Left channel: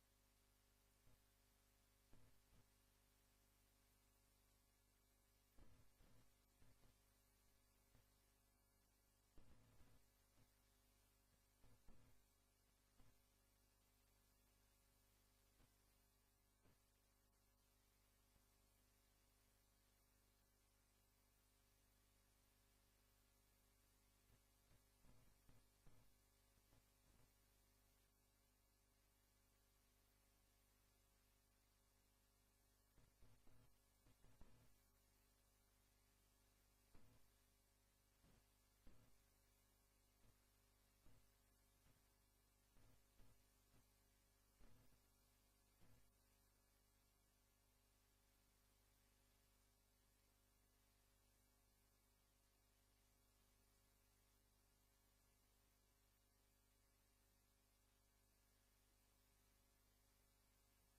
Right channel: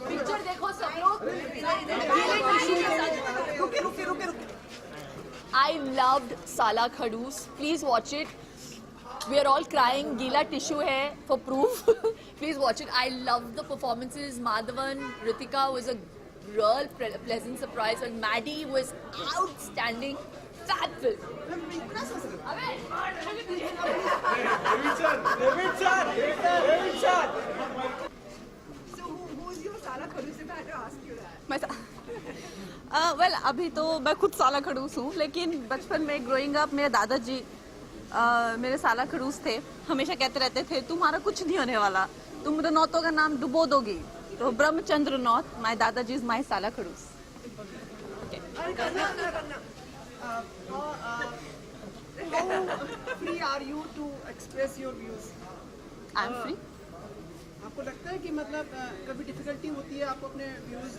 Picture देखो सब लोग। रुके। I loved Sala Khadus. Please watch it. We are all crying. गीला tissue है for proof. Please watch it. I loved the performances. Madhavan, Ritika was a real pleasant surprise, and Maddie was outstanding. Fab film. Well अभी तो मैं खुद साला खड़ूस हूँ, लेकिन बचपन में ग्रोइंग अप मेरे दादाजी मेरे साला खड़ूस थे। हमेशा कहते रहते थे तुम्हारा कुछ नहीं होने वाला, तुम रनौतों का नाम डुबो दोगी। तो ब्रह्मचंद्र नौत, माय दादाजी इज माय साला खड़ूस। How free are you to express your views? I am free. आपको लगता है कि मतलब कभी डिफिकल्टी होती है आपको अपने व्यूज?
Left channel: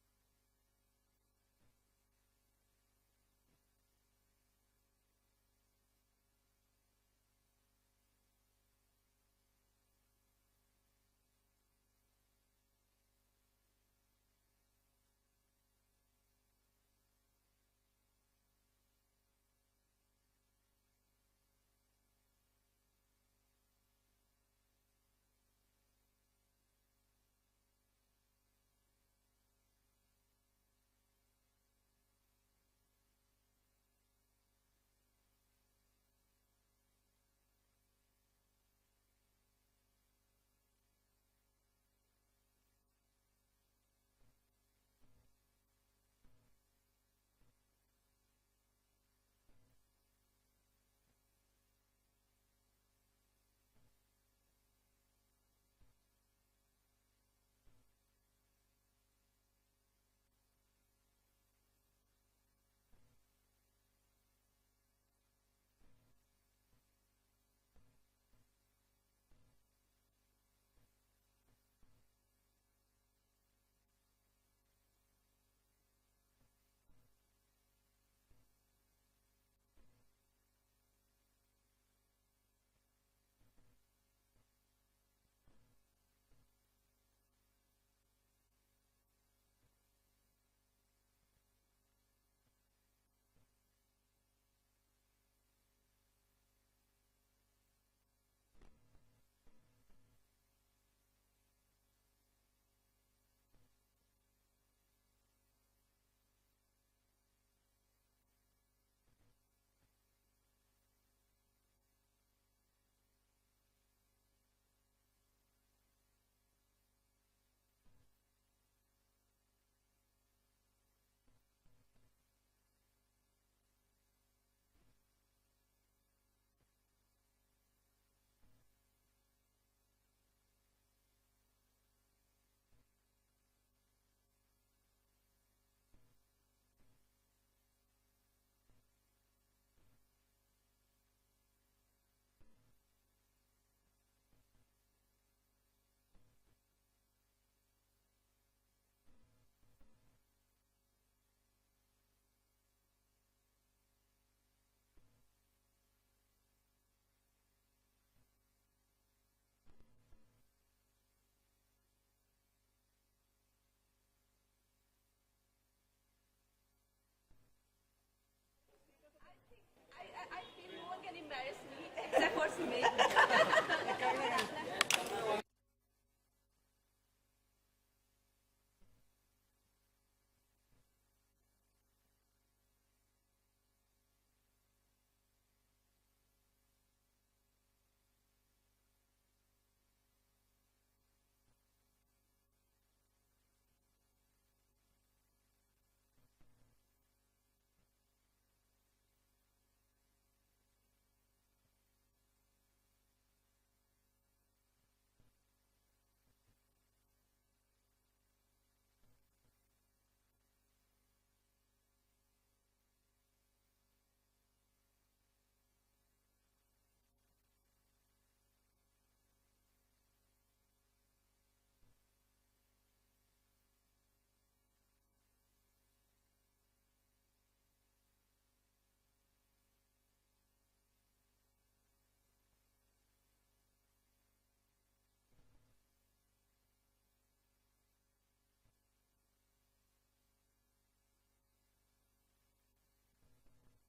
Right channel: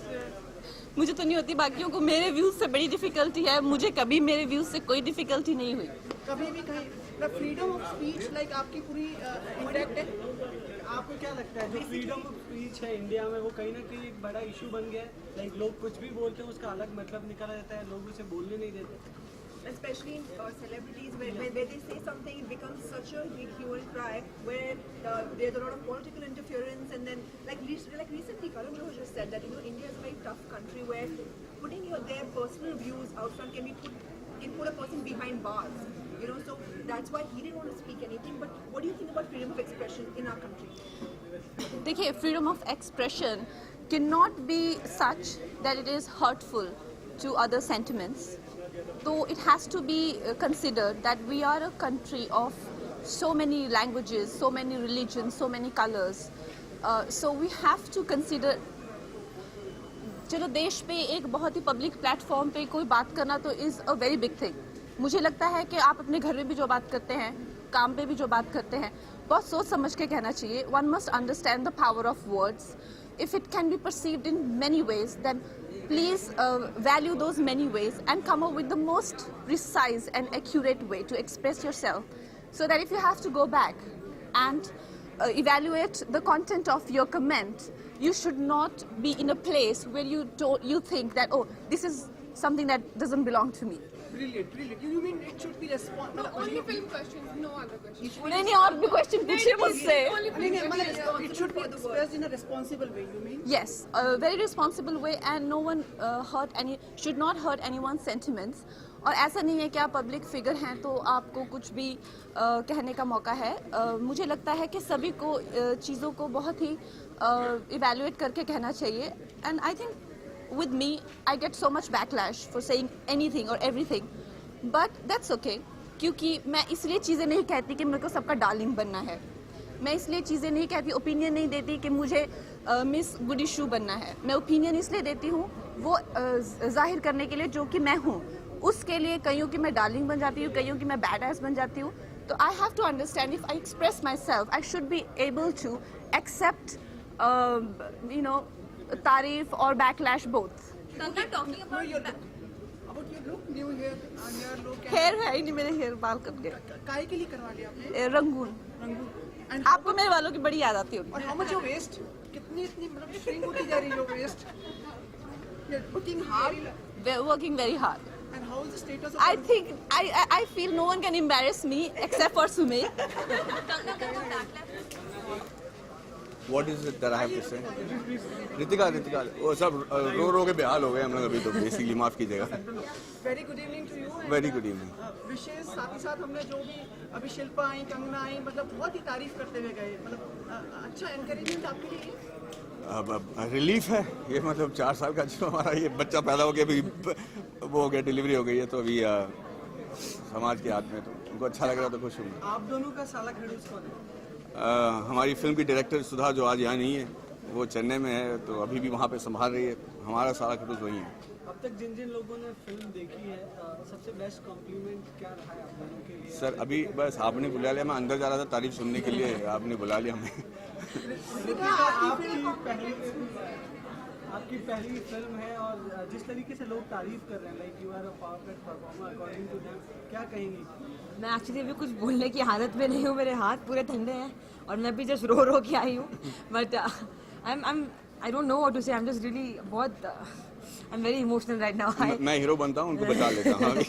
मुझे तो नहीं होती, बाकियों को मेरे व्यूज से बड़ी डिफिकल्टी है। मुझे कभी मेरे व्यूज से कोई डिफिकल्टी नहीं हुई। कभी भी कहीं मतलब फ्रीडम ऑफ स्पीच लाइक आपकी पूरी इंटैक्ट है? आपको क्या लगता है जो फ्रीडम ऑफ स्पीच है इंडिया में वो कहीं ना कहीं एक बड़ा इशू बन गया है? लाइक लोग कुछ भी बोलते हैं उसका अलग मतलब निकाला जाता है, लोग उसे बोलने नहीं देते। Especially in celebrities, where they say something, it becomes such a big hue and cry, where there's a lot of political interference, and then like recently, Karan Johar just said that India is a very tough country where putting their personal views out front can put a person behind bars. So that's why he didn't want to speak anything. But what do you think about freedom of expression in our country? देखिए, freedom of expression cannot be such that it is hurtful to other sentiments. So it has to be considered that we are a country of so many languages, so many religions, so many colors. So we have to consider, चलो देश पे एक बहुत ही public platform पे कोई बात करना तो is a very big thing. मुझे लगता है कि आप अपने घर में भी जो बात करते हैं, काम पे भी जो बात करते हैं, बहुत सोच समझ के कहना चाहिए। One must understand the power of words. If it can be perceived in many ways, then please value those many ways and come up with the most precise and accurate way to express yourself, so that if you have to go back and evaluate the content of your comment, you should not be in a place where you think that, oh, this is something that doesn't belong to me. Brilliant. You mean it should be responsible? Only film questions, no other questions. नहीं और भी question पूछिए मुझसे। It should be expressed in a responsible way. You mean? Yes, a very responsible way, and no one should not hurt anyone's sentiments. और ऐसा नहीं है कि आप पब्लिक फिगर हैं तो आपको कुछ भी कहने का मौका है। मुझे लगता है कि सभी को चीज़ों को बहुत ही इवैल्यूएट करके कहना चाहिए। And I think with me I get so much backlash for saying anything or everything, but that's okay, क्योंकि मैं इसलिए चीज़ें नहीं कहती कि मेरे को सबका डार्लिंग बनना है। मैं इसलिए चीज़ें नहीं कहती, ओपिनियन नहीं देती कि मुझे मिस गुडी शू बनना है। मैं ओपिनियन इसलिए देती हूँ वो जाहिर करने के लिए जो कि मैं हूँ। उसके लिए कईयों की मैं डार्लिंग बन जाती हूँ, कईयों की मैं बैड एस बन जाती हूँ। तो I have to understand, if I express myself I should be able to accept तारीफ और backlash both. About your look, new hair and your look. Hair है ही नहीं, मेरे हेयर बाल कट गए। काहे के लिए करवा लिया आपने? रंगून। And आपको मेरे वालों की बड़ी याद आती होगी। और how much your waist? कितनी मतलब shrink होती जा रही है your waist? You're working hard. We're working very hard. And how is the status of? I think I feel no one can embarrass me except for Sumi. What is it that I have to say? Ritika वो सब रो के बेहाल हो गए हम लोग अभी, तो बेसिकली माफ कीजिएगा। Very good evening to you. Very good evening. विशेष साथ ही साथ हमने जो भी अभी शिल्पा आई, कंगना आई, मतलब बहुत ही तारीफ करते हुए गए, मतलब अच्छा एनकरेजमेंट आपके लिए। अब रिलीफ है ये, मतलब 4 साल का जो हमारा ये बच्चा पैदा हो गया, अभी वो हो गया, डिलीवरी हो गई है, तो अभी समाज के हाथ में, तो उनको अच्छा लग रहा, तो खुश हूँ। आप दोनों का साला खड़ूस कौन है? हमारी फिल्म की डायरेक्टर सुधा, जो आज यहाँ नहीं है, वो चेन्नई में है, तो अभी भी वहाँ पे संभाल रही है। हमारा सारा खड़ूस वही है। अब तक जिन जिन लोगों ने फिल्म देखी है सबसे बेस्ट कॉम्प्लीमेंट क्या रहा है आप लोगों के लिए? सर अभी बस आपने बुला लिया, मैं अंदर जा रहा था तारीफ सुनने के लिए, आपने बुला लिया हमें। आपकी पहली फिल्म है और जिस तरीके से लोग तारीफ कर रहे हैं, like you are a perfect performer according to them, क्या कहेंगी? मैं एक्चुअली अभी कुछ बोलने की हालत में नहीं हूँ, मेरे हाथ पूरे ठंडे हैं और मैं भी जस्ट रो के आई हूँ, but I am I don't know what to say. I'm just really बहुत I'm very emotional right now. मैं हीरो बनता हूँ, उनको बचा लेता हूँ अभी।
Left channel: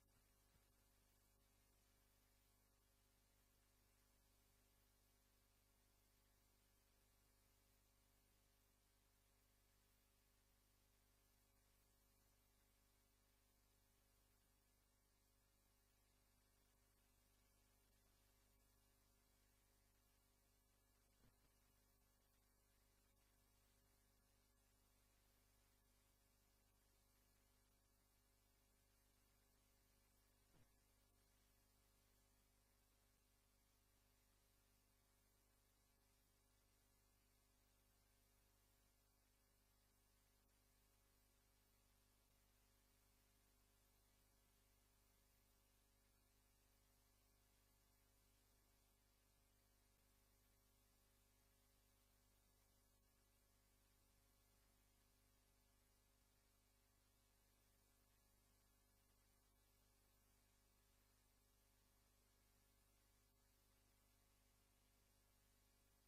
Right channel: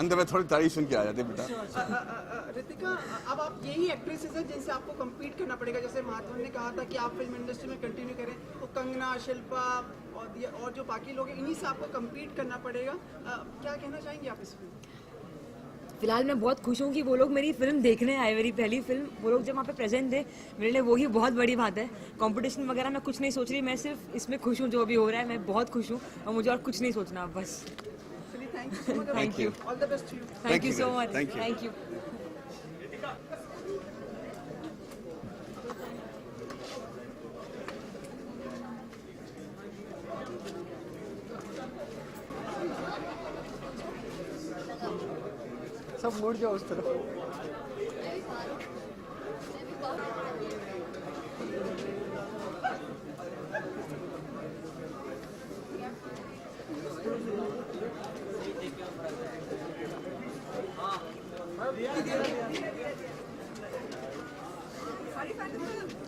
अंत में थोड़ी तारीफ सुन के आ जाते बेटा। रितिका, अब आप यही एक्ट्रेसेस हैं जिनसे आपको कम्पीट करना पड़ेगा। जैसे महात्मा ने कहा था कि आप फिल्म इंडस्ट्री में कंटिन्यू करें, तो कंगना, शिल्पा और जो बाकी लोग हैं, इन्हीं से आपको कम्पीट करना पड़ेगा। क्या कहना चाहेंगे आप इसमें? फिलहाल मैं बहुत खुश हूँ कि वो लोग मेरी फिल्म देखने आए, मेरी पहली फिल्म। वो लोग जब वहाँ पे प्रेजेंट थे, मेरे लिए वही बहुत बड़ी बात है। कंपटीशन वगैरह मैं कुछ नहीं सोच रही, मैं सिर्फ इसमें खुश हूँ जो भी हो रहा है। मैं बहुत खुश हूँ और मुझे और कुछ नहीं सोचना बस। Thank you so much. Thank you. All the best to you. Thank you so guys. much. Thank you. Thank you. सब मुड़ जाओ उस तरफ।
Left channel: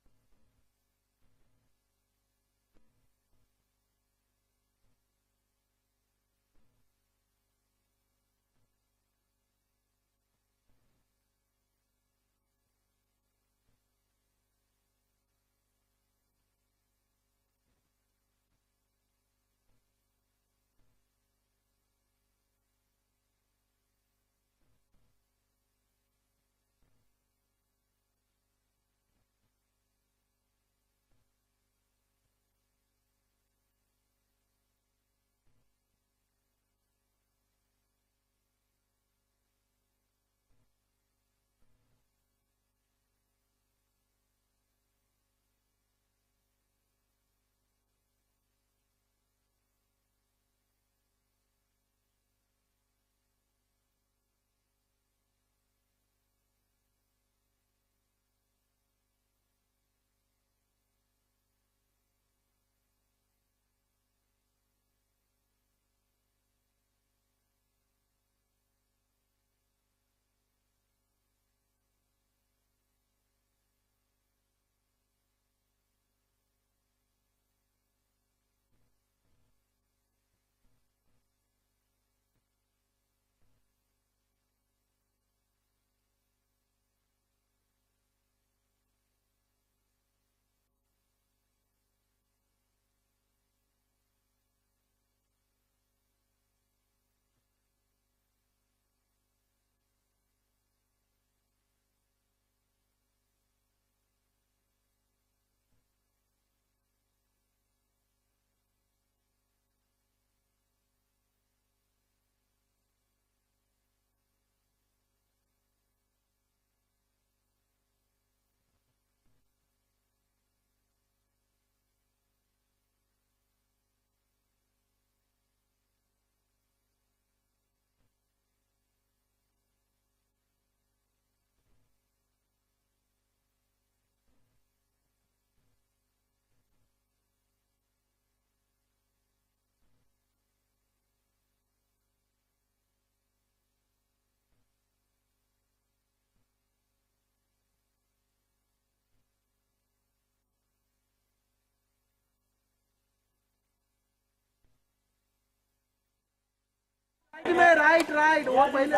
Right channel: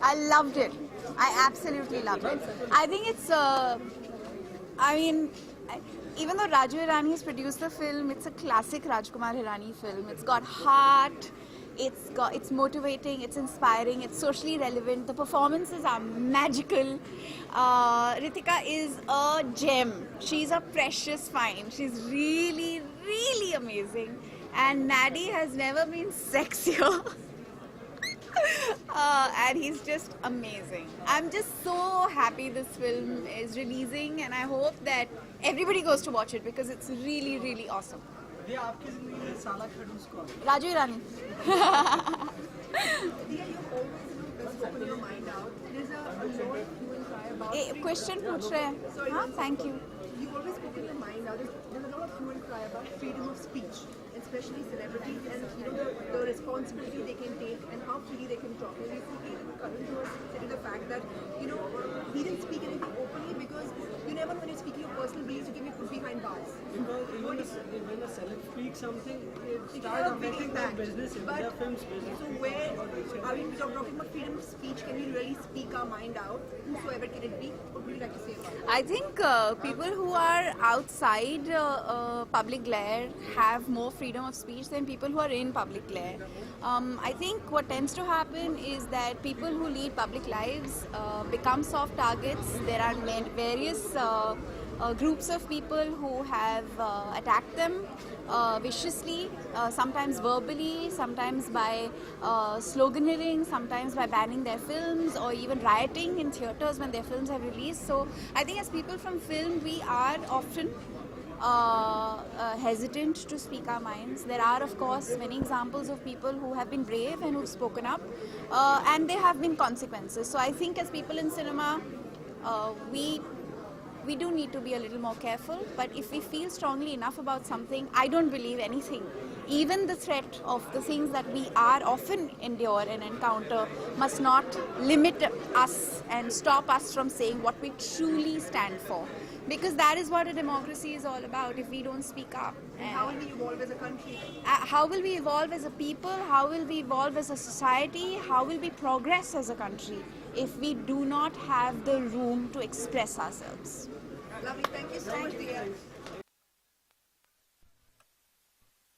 I loved it. I absolutely loved it. I think it's, I mean, even though Raju Hirani has produced the film, it's a classic Rajkumar Hirani film. It's got heart, it's motivating, it's inspiring, it's socially relevant. The performances are magical. Ritika is a gem. She's a precious find. She's really, really amazing. And Nadi has never been sexier. And he's just amazing. I'm just so happy this film is releasing, and I hope that everybody goes to watch it because it's really, really awesome. ये आपकी जिंदगी में साला खड़ूस कौन है? Raju Hirani. Open your mind out. There's a lot you will cry about. Question पूछ रहे हैं. हाँ, thank you. You always open your mind out. There's a lot of hue and cry about freedom of speech, especially celebrities, and the responsibility they can take and how freely they can talk. And recently, Karan was stating the fact that he didn't speak anything openly because you never know when you're speaking your personal beliefs, you can be put behind bars. Because even when a celebrity speaks something, it It starts has a big affecting their impact. business, But their film's business. so where are we talking about freedom of speech? Can we really speak our mind out? Whosoever can it be? What would you like to say about it? I think people who are outside public glare have more freedom of speech than people who are in public glare. I think what tends to happen is that people who lead public lives become soft targets. There are various groups of people who have attacked them viciously, sometimes verbally, sometimes by sloganeering, sometimes by banning their films or even rioting in theatres when their films are released. So I think as people from film, we are often hesitant to speak our minds. There are, of course, many examples of people who have been brave and who've spoken up, and there have been consequences. So I think as people in cinema, we do need to be a little more careful, but if we feel strongly enough about something, I don't believe anything. Even the threat of the things that we are often endure and encounter must not limit us and stop us from saying what we truly stand for. Because that is what a democracy is all about if we don't speak up. How will we evolve as a country? How will we evolve as a people? How will we evolve as a society? How will we progress as a country if we do not have the room to express ourselves? Lovely. Thank you so much, dear. Right वो पहले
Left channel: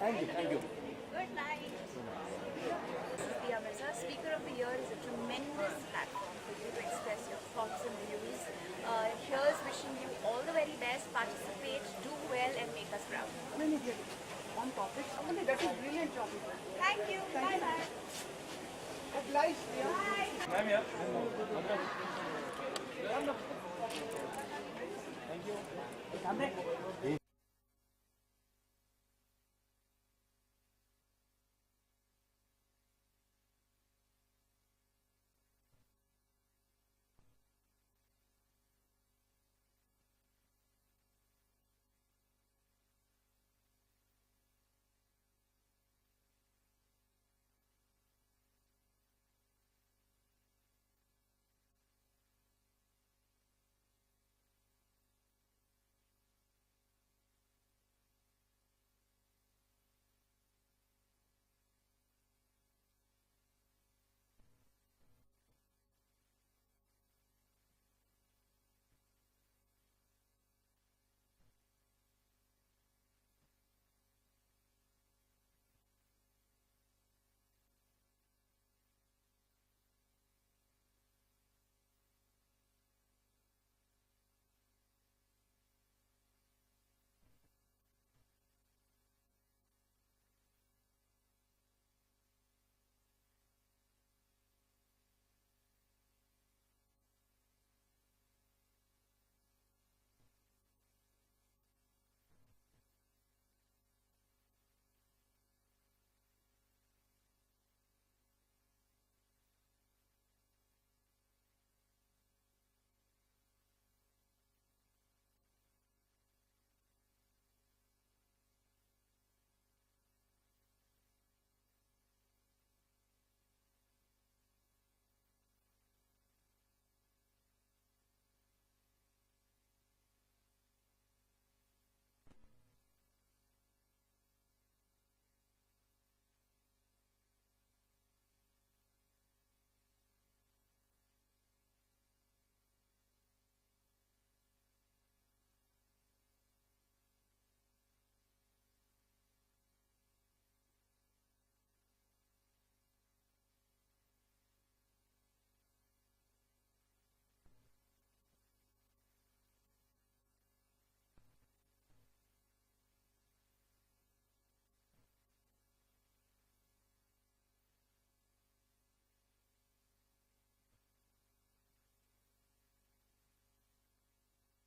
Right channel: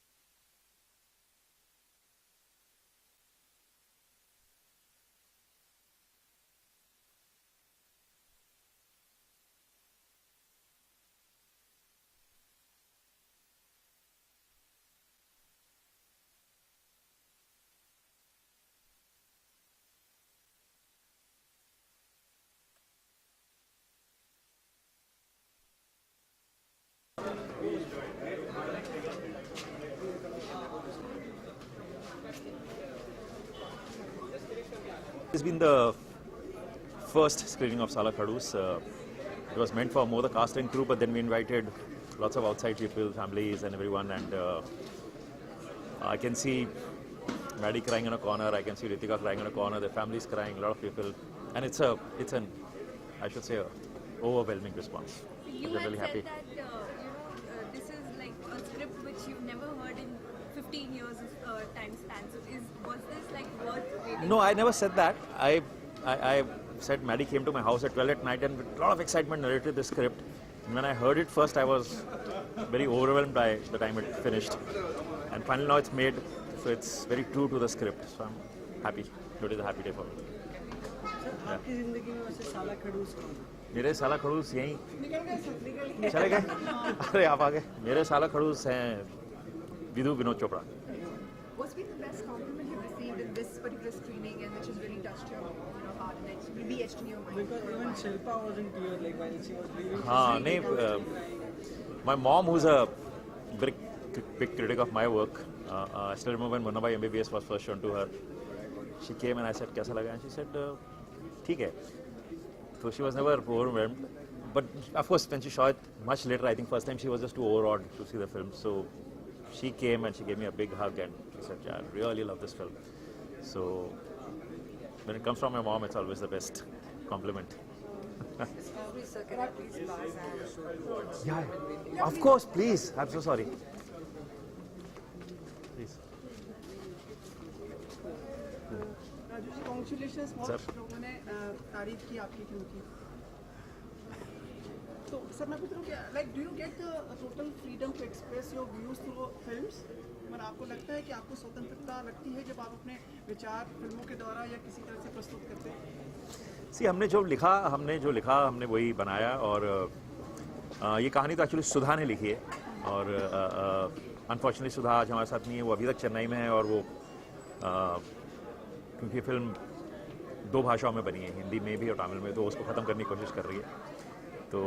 Thank you. Good night. Diya Mirza, Speaker of the Year is a tremendous platform for you to express your thoughts and views. Here's wishing you all the very best. Participate, do well, and make us proud. on topic. That is brilliant topic. Thank you. Bye-bye. Obliged, yeah. It's been the first screening of Sala Khadus. It was meant for more the cast and crew, but then we invited lots of outside people, families and everyone, and I can see Maddie crying in a corner, I can see Ritika crying in a corner, their families crying, a lot of people, and it's an, I should say, overwhelming response. You We're had really said happy. that this is like a script which you've never heard in 15 years of time span. So was this like worth waiting No, I never said that. I said Maddie came to my house at 12 at night and with a lot of excitement narrated the script. And when I heard it first, I was very overwhelmed by the time it finished. And finally now it's made, so it's very true to the script. So I'm happy. It is a happy day for me. आपकी जिंदगी में वैसे साला खड़ूस कौन है? मेरे साला खड़ूस यहीं चले गए. अरे आप आ गए. मेरे साला खड़ूस हैं Vidhu Vinod Chopra. What's been the best compliment you've received in this particular screening and which has really touched your heart and it's really etched in your mind? Because even Shilpa wasn't here, like while she was leaving. हाँ नहीं. My mom, who's a big critic of my work, I still remember when Munna Bhai MBBS was first shown to her. She came and I said, "कैसा लगा?" And she said, "ठीक है." So she was never overwhelmed. But of course, when she saw it much later, I think first time she was just too overawed to see the film. So she came and she gave me a big hug and she said, "Yeah, I really love this film." So when it comes from my mom, it's always the best compliment. Yeah, of course, please. I'm so sorry. Please. Raju ji congratulations. Sir. बहुत लोगों ने तारीफ की आपकी film की. तो sir मैं पूछ रहा हूँ कि like do you get the total freedom to express your views through films? मतलब आपको लगता है कि आपको स्वतंत्रता लगती है जब आप अपने विचार फिल्मों के द्वारा या किसी तरह से प्रस्तुत करते हैं? हमने जो लिखा हमने वही बनाया. और ये कहानी तो एक्चुअली सुधा ने लिखी है. और अनफॉर्चुनेटली सुधा आज हमारे साथ नहीं है. वो अभी तक चेन्नई में है. और वो क्योंकि फिल्म 2 भाषाओं में बनी है, हिंदी में भी और तमिल में, तो उसको ख़त्म करने की कोशिश कर रही है. तो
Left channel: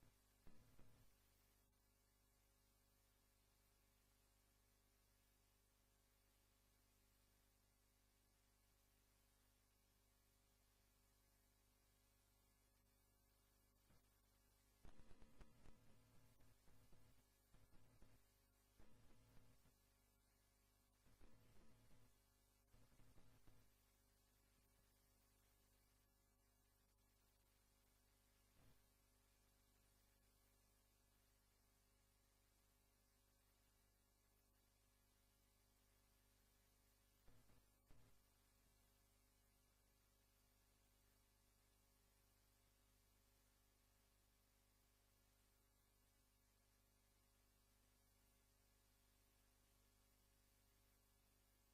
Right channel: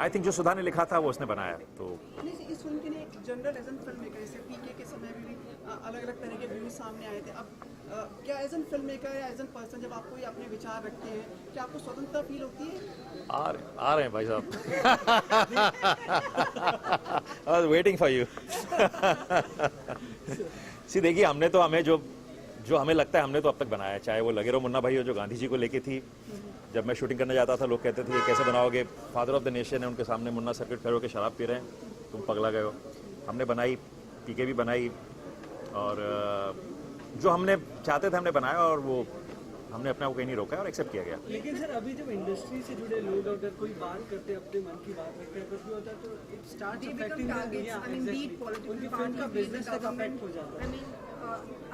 आई थिंक जो सुधा ने लिखा था वो उसने बनाया. तो नहीं, इस फिल्म के लिए एक general as an film maker, जैसे पीके के समय में भी अलग अलग तरह के व्यूज सामने आए थे. अब क्या एज एन फिल्म मेकर या एज एन पर्सन जब आप कोई अपने विचार रखते हैं, क्या आपको स्वतंत्रता फील होती है? आ रहे हैं भाई साहब. I was waiting for you. See देखिए, हमने तो जो हमें लगता है हमने तो अब तक बनाया है. चाहे वो लगे रहो मुन्ना भाई हो जो गांधी जी को लेके थी. जब मैं शूटिंग करने जाता था लोग कहते थे ये कैसे बनाओगे, फादर ऑफ द नेशन है, उनके सामने मुन्ना सर्किट खड़े होकर शराब पी रहे हैं, तुम पगला गए हो. हमने बनाई, पीके भी बनाई. और जो हमने चाहते थे हमने बनाया. और वो हमने अपने आप को कहीं नहीं रोका और एक्सेप्ट किया गया. लेकिन सर अभी जब इंडस्ट्री से जुड़े लोग अगर कोई बात करते हैं, अपने मन की बात रखते हैं, कुछ भी होता है तो इट स्टार्ट्स अफेक्टिंग देम. उनकी फिल्म का बिजनेस तक अफेक्ट हो जाता है.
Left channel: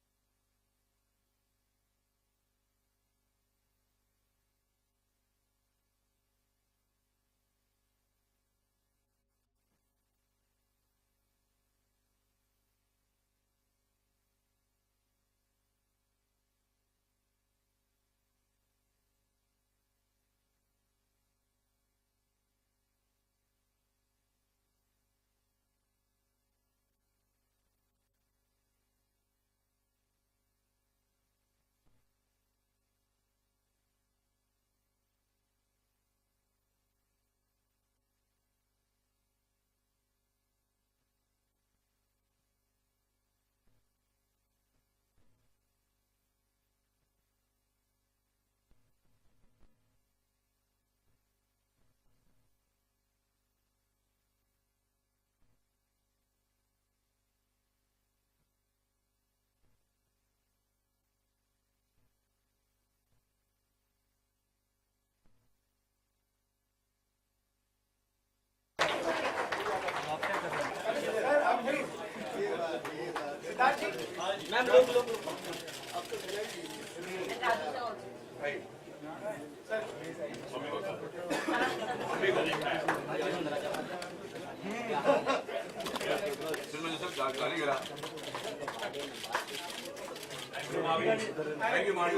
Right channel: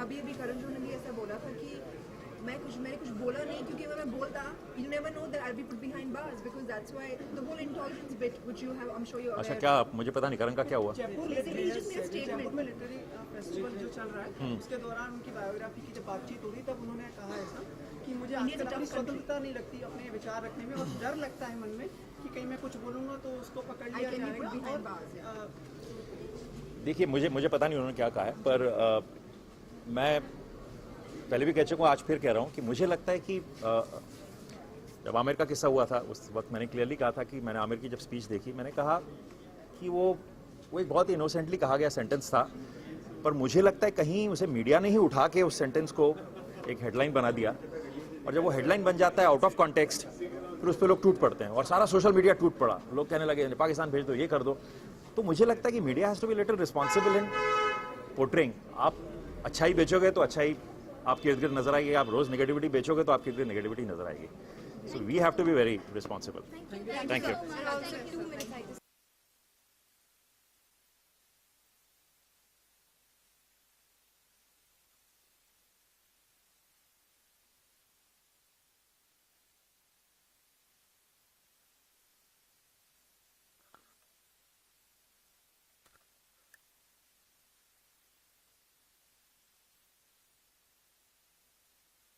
अभी करण जोहर ने ऐसा बोला था कि मैंने कुछ बोला नहीं, क्योंकि अगर मैं बोलता, you never know that I'll be put behind bars, because that's why the whole intolerance bit which you have, I'm sure you're aware. अच्छा, क्या मुझे पता नहीं करण का क्या हुआ. जयपुर लिटरेरी फेस्टिवल जो चल रहा है उसके दौरान उनकी बायोग्राफी की जब बातचीत हो रही तब उन्होंने कहा ऐसा कि मुझे आजकल अपनी स्वतंत्रता नहीं लगती अपने विचार रखने में, और डर लगता है मन में कि कहीं मैं कुछ बोलूँगा तो उसको पकड़ लिया जाएगा. देखिए, मुझे पता नहीं उन्होंने क्या कहा है. पर मैं पहले भी कह चुका हूँ, आज फिर कह रहा हूँ कि मुझे लगता है कि जब आमिर का किस्सा हुआ था उस वक्त मैंने क्लियरली कहा था कि मैंने आमिर की जब स्पीच देखी, मैंने कहा कि वो एक बहुत ही इनोसेंटली कहा गया सेंटेंस था. पर मुझे लगता है कहीं उसे मीडिया ने ही उठा के उस सेंटेंस को एक हेडलाइन बना दिया. और जब वो हेडलाइन बन जाता है आउट ऑफ कॉन्टेक्स्ट, फिर उस पर लोग टूट पड़ते हैं. और सारा सोशल मीडिया टूट पड़ा. लोग कहने लगे पाकिस्तान भेज दो, ये कर दो. तो मुझे लगता है कि media has to be little responsible in portraying. आप अच्छाई बेचोगे तो अच्छाई आपके इर्द गिर्द नजर आएगी. आप रोज नेगेटिविटी बेचोगे तो आपके इर्द गिर्द नेगेटिविटी नजर आएगी. So we have to be very responsible. Thank you. Thank you, Manu.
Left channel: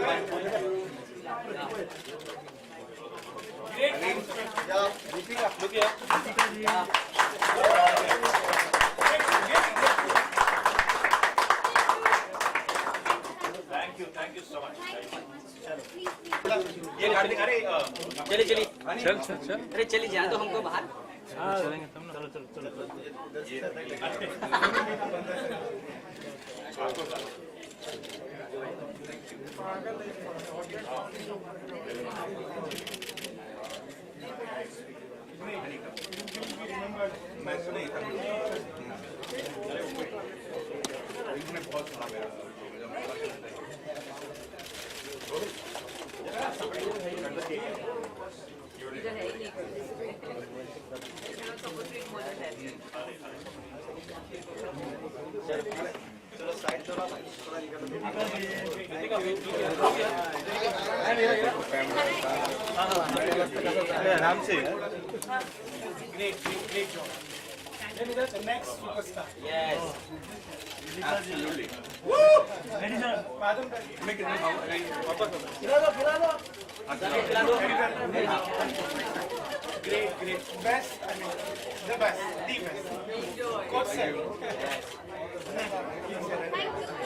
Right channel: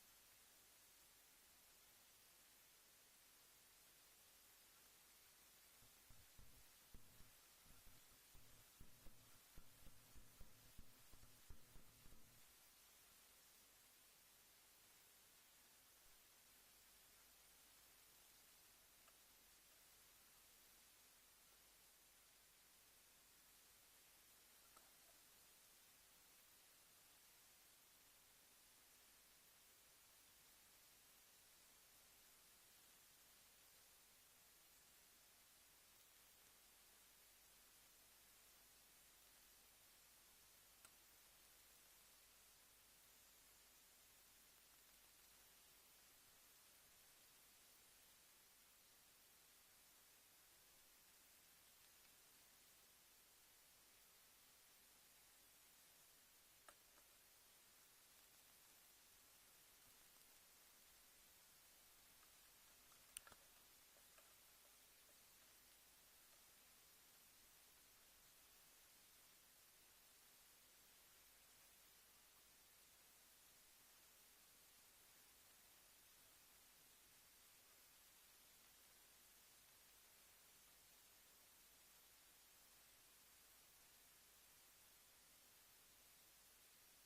Thank you so much. ये कार्तिक, अरे चलिए अरे चलिए जाए तो हमको बाहर. चलेंगे तुम. चलो. मैं सुना ही था. बहुत सुना मेरा. आराम से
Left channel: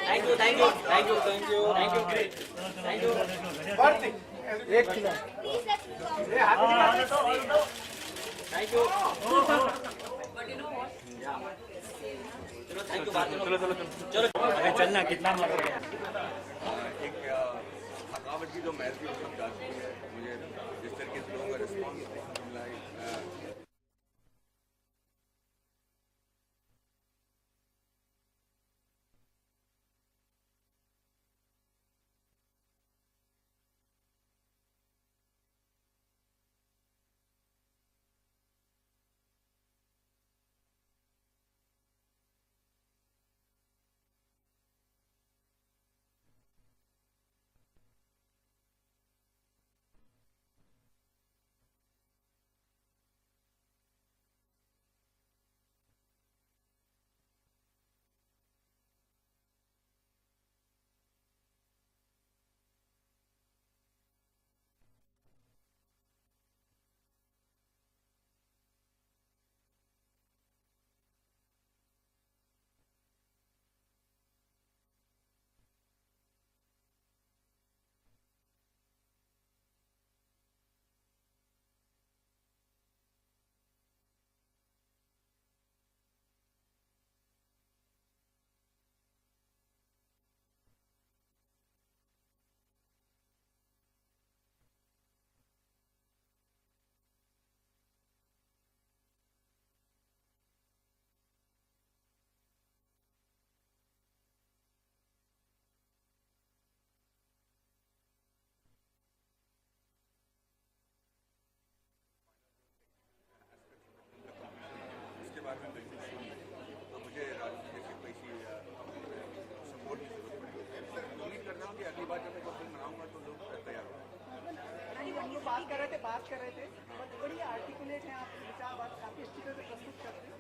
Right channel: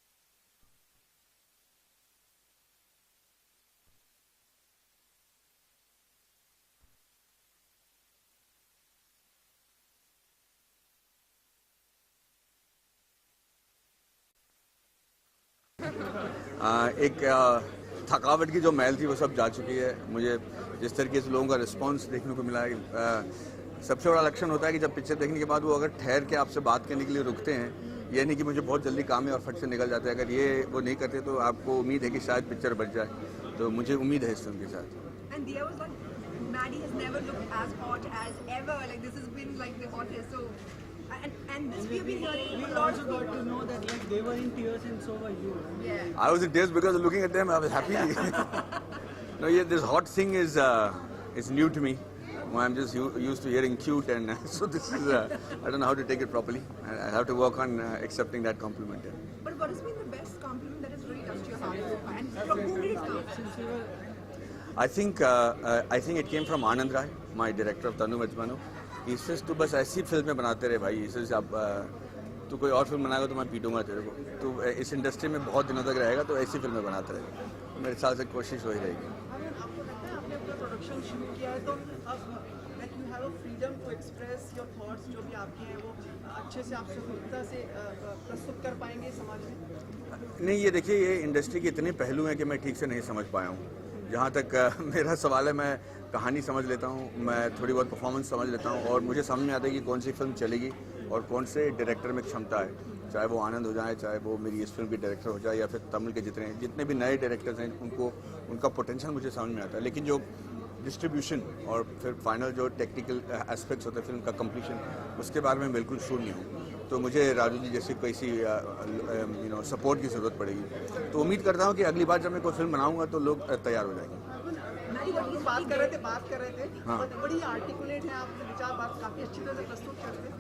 Thank you, thank you, thank you, thank you, thank you, great, thank you. Thank you. चलो थैंक यू, बात चलो चलना कितना एक थकावट की जो मैल थी वो सब जा चुकी है। मुझे जिस तरीके से लोगों का रिस्पांस देखने को मिला है, सबसे बड़ा लक्षण होता है कि जब पिक्चर देखने के बाद वो अगर ठहर के आपसे बात करने के लिए रुकते हैं, ये नहीं कि मुझे बहुत जल्दी काम है और फट से निकल जाते हैं। अगर ये वो नहीं करते तो आपको उम्मीद है कि शायद पिक्चर बच जाए, तो मुझे उम्मीद है इस फिल्म के साथ। And Dia was like, Maddie has never looked as hot as ever. Like this has been like the hottest. So, and this we've been hearing We a lot also of got people. to know that like they were in tears and so were you. Yeah. I was in tears because looking at them, I was happy. No, yeah, this hot thing is new to me. I'm just used to hearing cute, and so this is I don't know how to take it properly. I have to work on accepting that compliment. Yeah. But what has been the best compliment that has really touched your heart? And from whom did it come? I think it came from Anand Rai, my director of Tanu Majmanu. He says तू बस ऐसी फिल्में बनाते रहे भाई। He says अब तू कोई और फिल्म बनाएगा तो मैं पीटूंगा तेरे को। तू इस इंडस्ट्री में बहुत दिनों तक रहेगा तो ऐसी फिल्में बनाते रहे। मेरे साथ से कोशिश वही रहेगी। आपको लगता है आपने अपना प्रोडक्शन शुरू किया है तो अब like you have a freedom to express your thoughts, जो भी आपके हैं वो अच्छे से आप स्वतंत्रता से प्रस्तुत कर पाएंगे समाज में? नहीं, ये देखिए, ये इंडस्ट्री के इतने पहलू हैं कि मैं ठीक से नहीं समझ पाया हूँ। जहाँ तक मेरा सवाल है, मैं कहानी समझ लेता हूँ, मैं थोड़ी बहुत परफॉर्मेंस समझ लेता हूँ और मुझे समझ में आता है कि कौन सी फिल्म चलेगी और कौन से डायरेक्टर में क्षमता है। चाहे वो आनंद हो जाए, चाहे वो मेरी इस फिल्म के डायरेक्टर हो जाए, या फिर तमिल के जितने भी नए डायरेक्टर्स हैं, उनका पोटेंशियल मुझे समझ में आता है। लेकिन जो डिस्ट्रीब्यूशन और फिर फाइनल जो टेक्निकल एस्पेक्ट्स होते हैं फिल्म का कंप्लीशन, उसके बारे में बिल्कुल शूर नहीं हूँ। तो मुझे राजू जी जैसी कैसी सपोर्ट की ज़रूरत पड़ेगी। तो उम्मीद करता हूँ कि अगली बार जब मैं कोई फिल्म बनाऊँगा तो लोग तैयार हो जाएंगे। बात कर रहे थे हाँ। बड़ी आर्टिकुलेट है, आप विचार बात काफ़ी अच्छी तरह से प्रस्तुत करते हैं।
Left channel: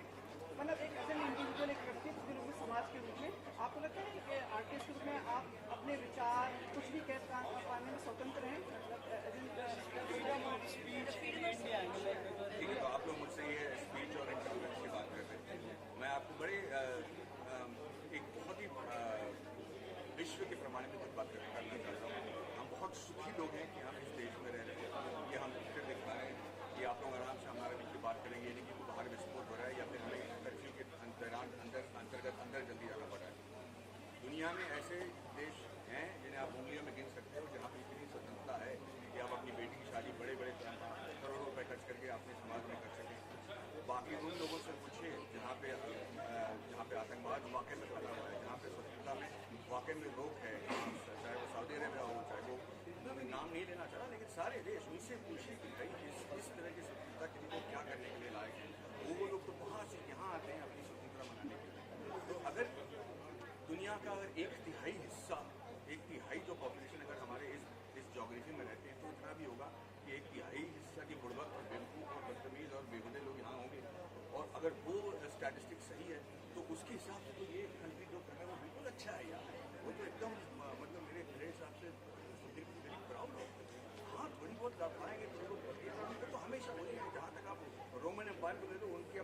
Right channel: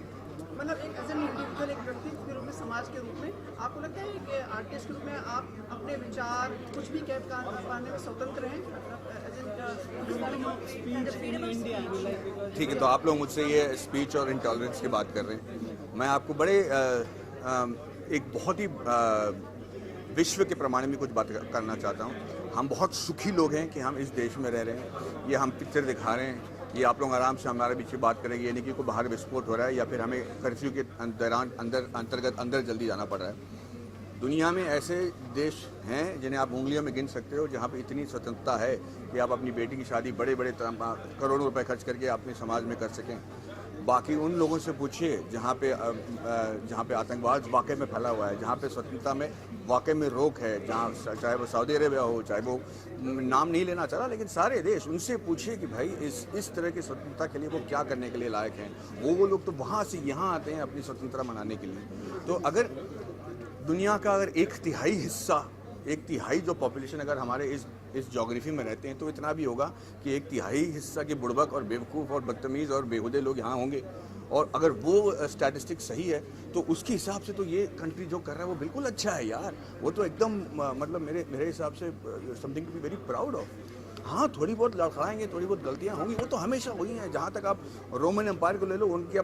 मतलब एक एज एन इंडिविजुअल, एक व्यक्ति के रूप में, समाज के रूप में, आपको लगता है कि आर्टिस्ट के रूप में आप अपने विचार कुछ भी कह पाने में स्वतंत्र हैं? ठीक है, तो आप लोग मुझसे ये स्पीच और इंटॉलरेंस की बात कर रहे हैं। मैं आपको बड़े एक बहुत ही विश्व के प्रमाण में कुछ बात करना चाहता हूँ। हम बहुत सुखी लोग हैं कि हम इस देश में रह रहे हैं। ये हम पिक्चर दिखा रहे हैं, ये आप लोग आराम से हमारे बीच में बात करेंगे। ये नहीं कि कोई बाहर विस्फोट हो रहा है या फिर हमें कर्फ्यू के दौरान अंदर जल्दी जाना पड़ रहा है। दुनिया में ऐसे देश हैं जिन्हें आप उंगलियों में गिन सकते हो, जहाँ पे इतनी स्वतंत्रता है कि आप अपनी बेटी की शादी बड़े करोड़ों रुपए खर्च करके अपने समाज में कर सकें। बाकी उन लोगों से पूछिए जहाँ पे आतंकवाद वाकई में फैला हुआ है, जहाँ पे स्वतंत्रता में वाकई में रोक है, जहाँ चाहे वो सऊदी अरेबिया हो, चाहे वो नाम नहीं लेना चाह रहा, लेकिन सारे देश, उनसे पूछिए कि भाई इस तरह की स्वतंत्रता के लिए वो क्या करने के लिए लायक हैं। वो लोग तो वहाँ से यहाँ आते हैं अपनी स्वतंत्रता मनाने के लिए। तो अगर दुनिया का अगर एक तिहाई जो पॉपुलेशन अगर हमारे इस जोग्राफी में रहते हैं, तो इतना भी होगा कि एक तिहाई हिस्सा के बुड़बक और बेवकूफ़ और बदतमीज़ और बेहुदे लोग यहाँ होंगे। और अगर वो स्टैटिस्टिक्स सही है तो उसके हिसाब से तो ये कंट्री जो कर रहा है वो बिल्कुल अच्छा है यार। वो तो एकदम मतलब मेरे हिसाब से something to be very proud of. हाँ, थोड़ी बहुत लड़खड़ाएंगे, थोड़ी बहुत गलतियाँ होंगी, वो तो हमेशा हुई हैं। जहाँ तक आप रोमन एम्पायर को ले लो, उनके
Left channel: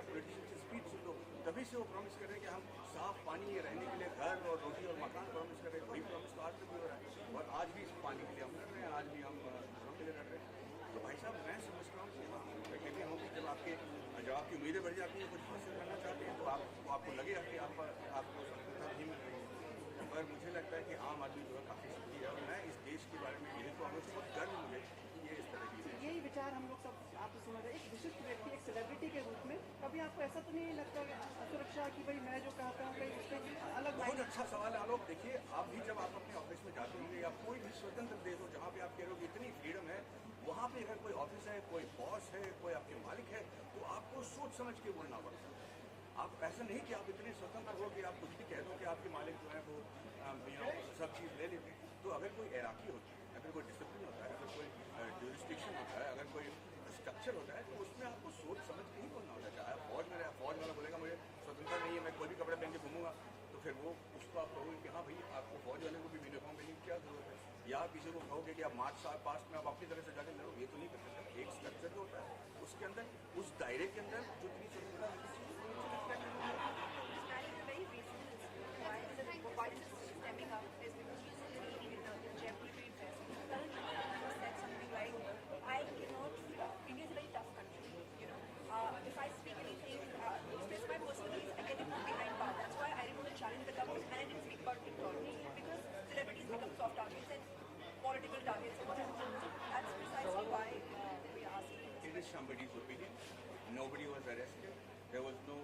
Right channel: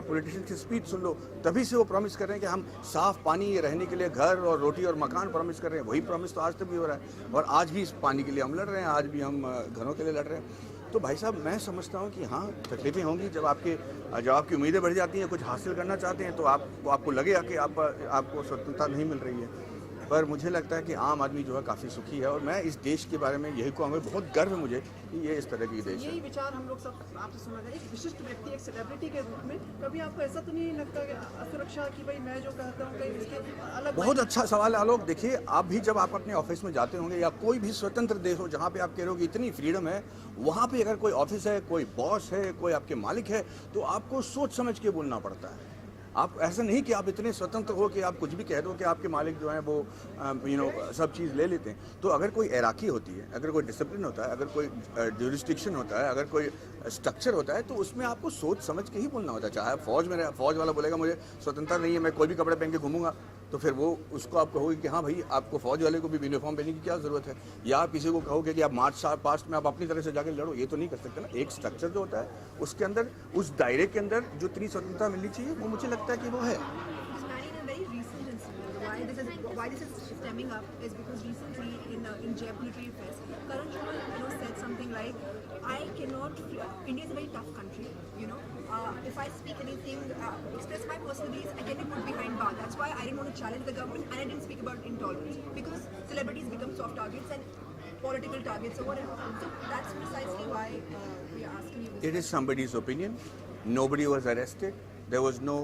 पॉलिटिशियन की स्पीच सुन लो, तभी से वो प्रॉमिस कर रहे हैं कि हम साफ़ पानी, रहने के लिए घर और रोटी और मकान प्रॉमिस कर रहे हैं। वही प्रॉमिस तो आज तक भी हो रहा है और आज भी इस पानी के लिए हम लड़ रहे हैं, आज भी हम घरों के लिए लड़ रहे हैं। तो भाई साहब, मैं समझता हूँ कि हाँ, तकलीफें होंगी जब आपकी उम्मीदें बढ़ जाती हैं, कुछ हासिल करना चाहते हैं, तो आपको लगेगा कि आपको स्वतंत्रता नहीं मिल रही है। पर मुझे लगता है कि आम आदमी जो है काफ़ी सुखी है और मैं इस देश के बारे में यही कहूँगा, बहुत गर्व है मुझे कि ये इस तरह की देश है। यही विचार हम लोग सब आपसे सुना जाए। एक विशिष्ट व्यक्ति, एक सेलिब्रिटी के रूप में कभी आपको ऐसा तो नहीं लगता कि असुरक्षा की भाई मैं जो कहता हूँ कहीं उसके अलग? बहुत अच्छा सवाल है आलोक। देखिए, आप भी जब आप अपने ऑफिस में जाते होंगे या कोई भी स्वतंत्र देश हो जहाँ पे आप कह रहे हो कि इतनी फ्रीडम है, वहाँ पे अगर कोई ऑफिस है, कोई बॉस है, कोई आपके मालिक है, तो आपको सोच समझ के बोलना पड़ता है। आप ऐसा नहीं कि आप इतने स्वतंत्र हो कि आप कुछ भी कह दो कि आपके मालिक जो हैं वो सब चीज़ ले लेते हैं। तो अगर कोई एराकी होती है, अगर कोई डिसिप्लिन होता है, अगर कोई ज्यूरिस्डिक्शन होता है, अगर कोई स्ट्रक्चर होता है, तो उसमें आपको सोच समझ के ही बोलना होता है। चाहे आप फौज में रहे, फौज वाला बोलेगा मुझे स्वतंत्रता नहीं है, मैं कोई भी कपड़े पहन के घूमूंगा, तो फिर वो उसको आप कहोगे कि हाँ भाई आपको फौज वाले को भी यूनिफॉर्म पहनने की क्या ज़रूरत है। या आप किसी को कहोगे कि आप मार्च पास्ट में आप अपनी तरह से जाके लड़ो, ये तो नहीं कर सकते ना। एक स्ट्रक्चर जो होता है उसके अंदर, उस दायरे के अंदर जो इतनी स्वतंत्रता मिलनी चाहिए, वो मुझे लगता है कि वो है। Why this is stemming up is because recently in Jeb Military Affairs, Karan Johar said something like, I cannot, India is a very tough country, if I speak anything, express my personal beliefs, I get put behind bars. That's why I didn't want to challenge the government and I didn't speak about intolerance, because celebrities become soft targets and political targets or whatever. So that's precisely why we are asking you this. It is somebody's opinion. Nobody was arrested. There was no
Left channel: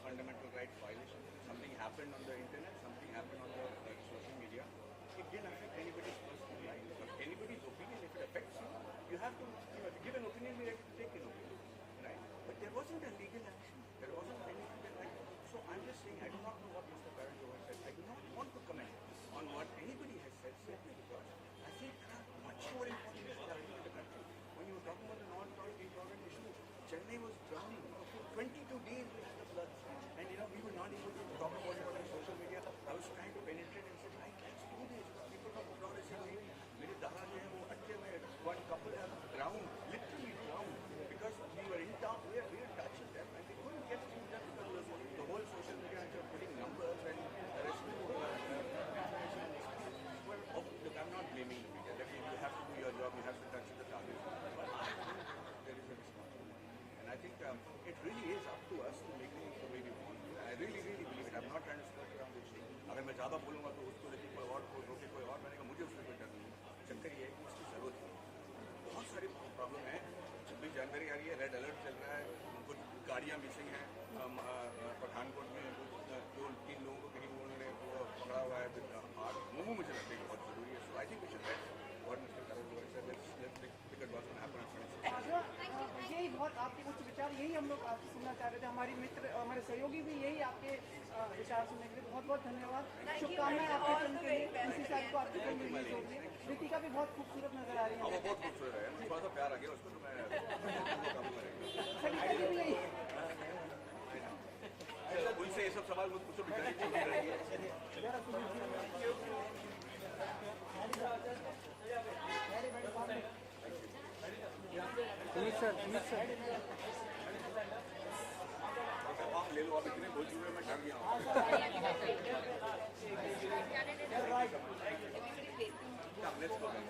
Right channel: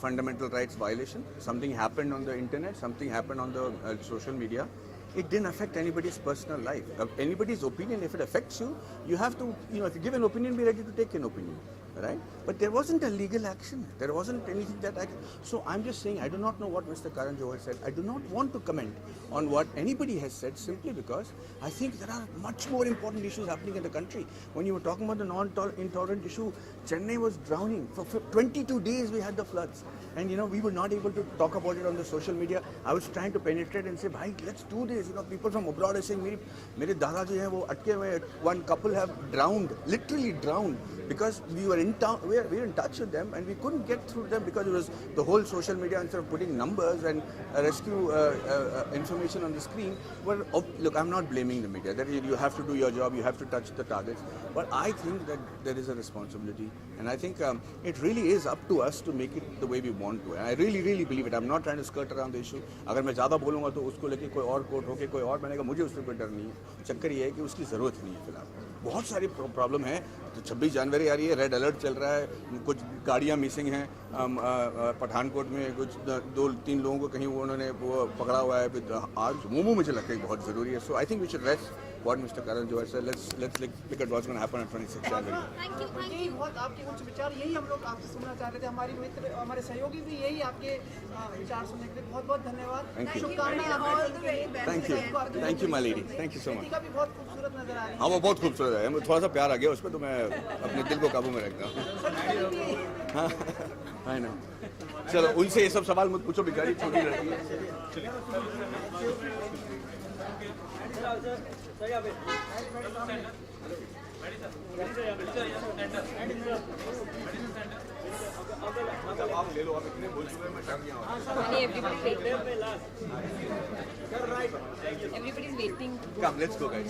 fundamental rights violation. Something happened on the internet, something happened on the social media. It didn't affect anybody's personal life. Anybody's opinion, if it affects you, you have to, if you give an opinion, be ready to take an opinion, right? But there wasn't a legal action. There wasn't anything that so I'm just saying, I do not know what Mr. Karan Johar said. I do not want to comment on what anybody has said, simply because I think there are much more important issues happening in the country. When you were talking about the non-intolerant issue, Chennai was drowning. For 22 days we had the floods. And we were not able to talk about it on the social media. I was trying to penetrate and say, bhai, let's do this. People from abroad are saying, mere dada jo hai, wo atke hue, one couple have drowned, literally drowned, because we were in town, we were in touch with them, and we couldn't get through them because it was the whole social media, instead of putting numbers and rescue information on the screen. Well, look, I'm not blaming the media. That you have to do your job, you have to touch the targets. But I think that there is a responsibility, and I think it really is up to us to make it the way we want to. And I really, really believe it. I'm not trying to skirt around the issue. अगर मैं ज़्यादा बोलूँगा तो उसको लेके कोई और court होके कोई और बनेगा, मुझे उससे कोई डर नहीं है। चक्कर ये है कि उसकी ज़रूरत नहीं है फिलहाल। बहुत सारी प्रॉब्लम है। तो 26 जनवरी आ रही है, रेड अलर्ट चल रहा है, कुछ गाड़ियाँ मिसिंग हैं, पठानकोट में कुछ 2-3 लोगों को कहीं उन्होंने पकड़ा हुआ है। आज मोमो मुझे लगता है बहुत ज़रूरी है। So I think we should rest what Mr. Karan Johar said. Let's look at what's going to happen on 26 January. यही बहुत आपके कुछ विचार, यही हम लोग आपसे सुनना चाह रहे थे। हमारी मित्र, हमारे सहयोगी भी यही आपके विचार सुनने के लिए बहुत बहुत धन्यवाद। Thank you my lady, thank you so much. का भी बहुत खूबसूरत नजर आ रही है। हाँ वो बहुत खूबसूरत है, मुझे थोड़ा सा प्यार आ गया उस पर, तो मैं अपने दिल को काबू में रखता हूँ। हाँ ना, चलो उनसे ये सब सवाल मत पूछो, बेचारी छोटी लड़की है। आप ले लो, आप इतने बोल चुके हैं, मैं डर गया हूँ। Everybody's waiting. Come, let's go guys.